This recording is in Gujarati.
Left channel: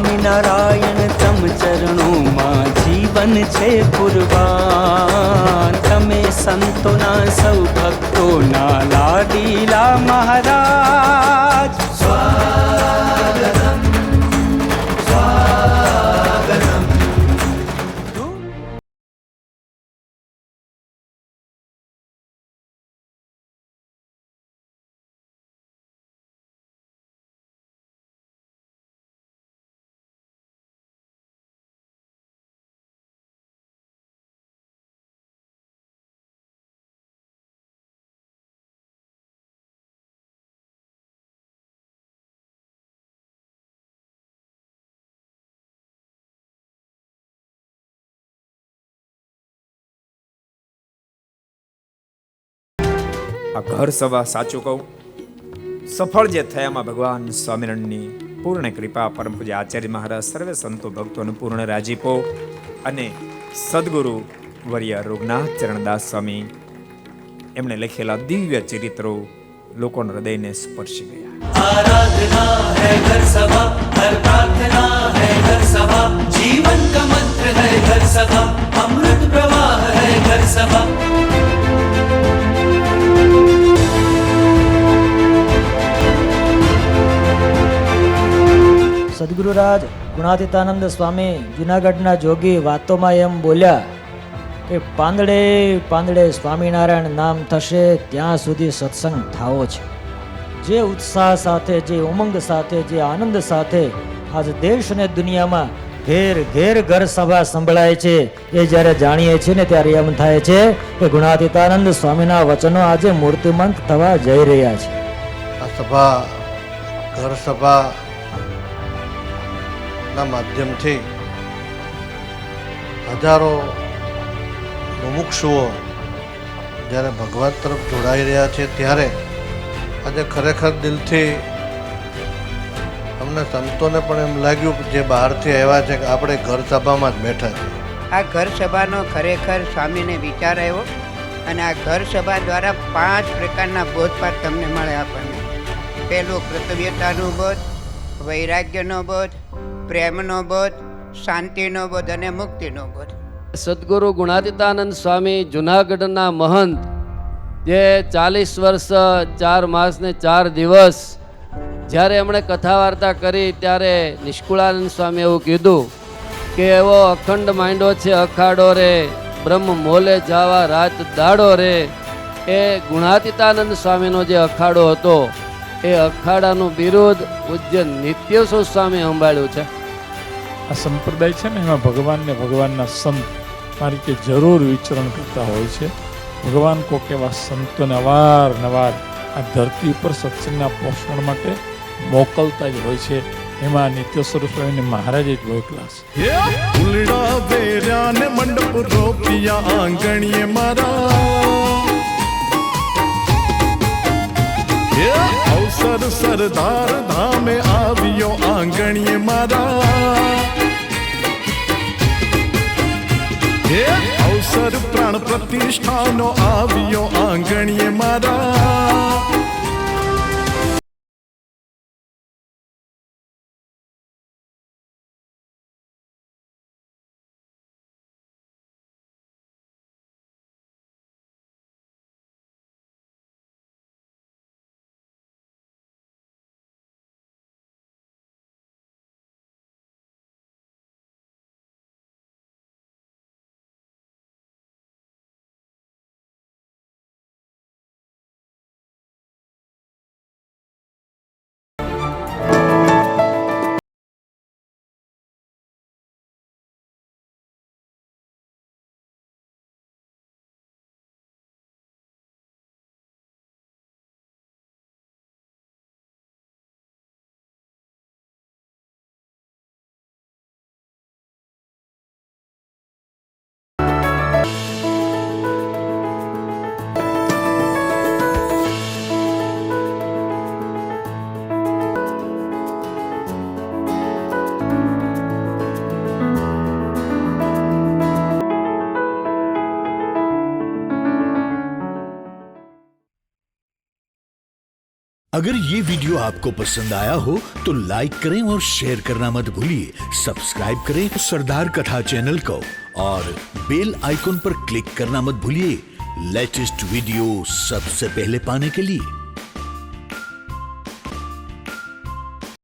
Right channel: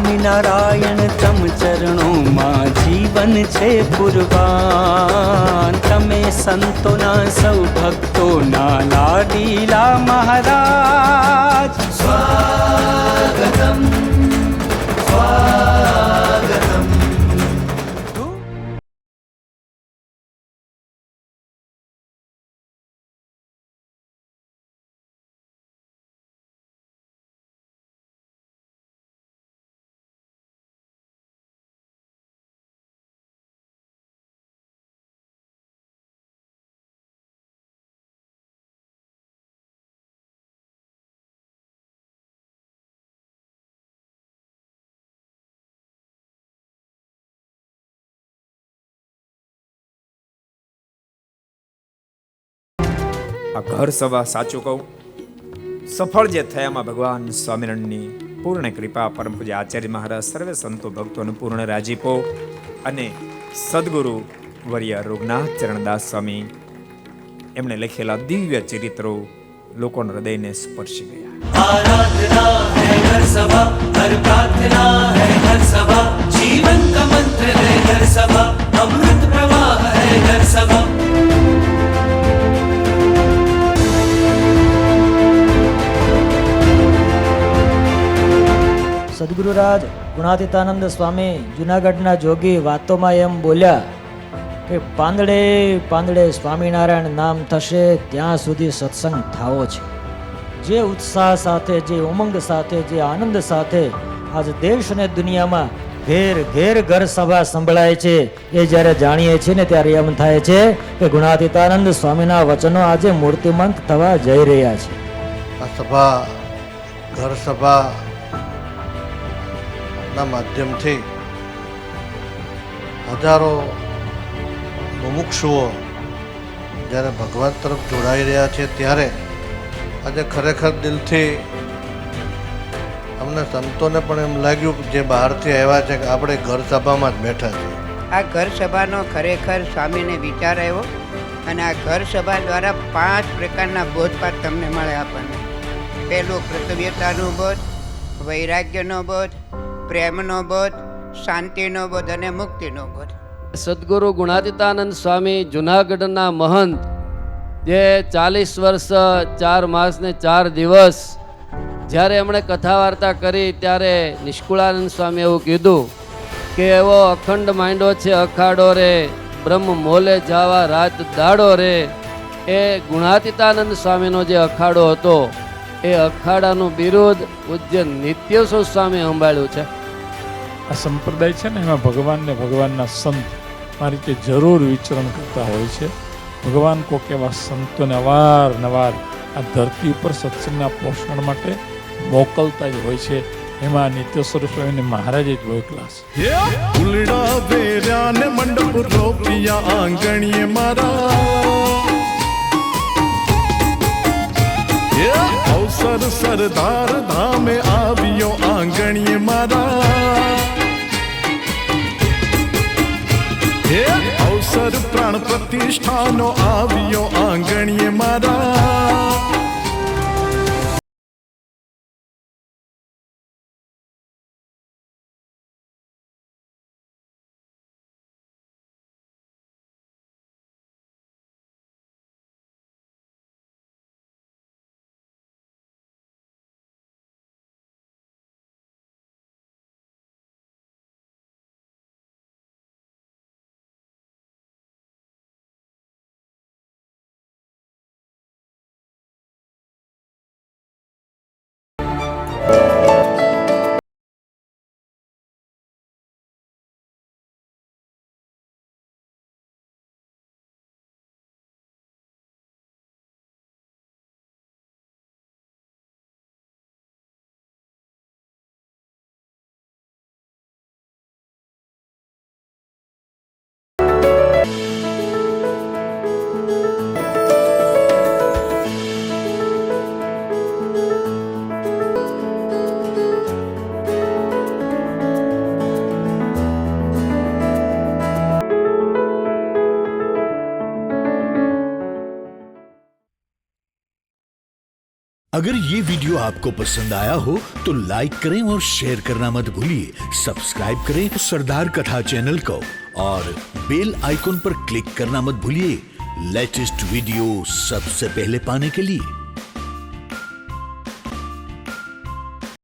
સ્વામિનારાયણ તમ ચરણોમાં જીવન છે કુરબાન. તમે સંતોના સૌ ભક્તોના લાડીલા મહારાજ. સ્વાગતમ સ્વાગતમ. આ ઘર સભા સાચું કહું સફળ જે થયામાં ભગવાન સ્વામિનારાયણની પૂર્ણ કૃપા, પરમ પૂજ્ય આચાર્ય મહારાજ, સર્વે સંતો ભક્તોનો પૂર્ણ રાજીપો અને સદગુરુ વર્ય રઘુનાથ ચરણદાસ સ્વામી એમણે લખેલા દિવ્ય ચરિત્રો લોકોના હૃદયને સ્પર્શી ગયા. आराधना है घर सभा, हर प्रार्थना है घर सभा, जीवन का मंत्र है घर सभा, अमृत प्रवाह है घर सभा. સદગુરુરાજ ગુણાતીતાનંદ સ્વામી જુનાગઢના જોગી વાતોમાં એમ બોલ્યા કે પાંદડે પાંદડે સ્વામિનારાયણ નામ થશે ત્યાં સુધી સત્સંગ થાવો છે. જે ઉત્સાહ સાથે, જે ઉમંગ સાથે, જે આનંદ સાથે આજ દેશ અને દુનિયામાં ઘેર ઘેર ઘર સભા સંભળાય છે એ જ્યારે જાણીએ છીએ ને ત્યારે એમ થાય છે કે ગુણાતીતાનંદ સ્વામીના વચનો આજે મૂર્તિમંત થવા જઈ રહ્યા છે. આ સભા ઘર સભા ના માધ્યમથી હજારો મુમુક્ષુઓ જ્યારે ભગવાન તરફ જોડાઈ રહ્યા છે ત્યારે આજે ખરેખર દિલથી અમને સંતોને પણ એમ લાગ્યું જે બહારથી આવ્યા છે કે આપણે ઘર સભામાં જ બેઠા છીએ. આ ઘર સભાનો ખરેખર સ્વામીને વિચાર આવ્યો અને આ ઘર સભા દ્વારા 5 પ્રકારના બોધપાઠ તમને મળે આપણને. પહેલું કર્તવ્યતાનો બોધ, વૈરાગ્યનો બોધ, પ્રેમનો બોધ, શાંતિનો બોધ અને મુક્તિનો બોધ. સદગુરુ ગુણાતીતાનંદ સ્વામી જુનાગઢના મહંત જે 40 વર્ષ 4 માસ ને 4 દિવસ જ્યારે એમણે કથા વાર્તા કરી ત્યારે નિષ્કુળાનંદ સ્વામી એવું કીધું કે એવો અખંડ માંડો છે અખાડો રે, બ્રહ્મ મોલે જાવા રાત દાડો રે. એ ગુણાતીતાનંદ સ્વામીનો જે અખાડો હતો એ અખાડાનું બિરુદ પૂજ્ય નિત્યસુખ સ્વામી સંભાળ્યું છે. આ સંપ્રદાય છે ને એમાં ભગવાન ને ભગવાનના સંત આ રીતે જરૂર વિચરણ કરતા હોય છે. ભગવાન કોક એવા સંતોને અવારનવાર આ ધરતી ઉપર સત્સંગના પોષણ માટે મોકલતા જ હોય છે. એમાં નિત્યેશ્વર સ્વામી મહારાજે જ હોય ક્લાસ. ઉલડા વેર્યા ને મંડપ રોપિયા આંગણીએ મારા, અવસર સરદાર ધામે આવ્યો આંગણીએ મારા. અવસર પ્રાણ પ્રતિષ્ઠાનો આવ્યો આંગણીએ મારા. अगर ये वीडियो आपको पसंद आया हो तो लाइक करें और शेयर करना मत भूलिए। सब्सक्राइब करें सरदार कथा चैनल को और बेल आइकॉन पर क्लिक करना मत भूलिए लेटेस्ट वीडियो सबसे पहले पाने के लिए।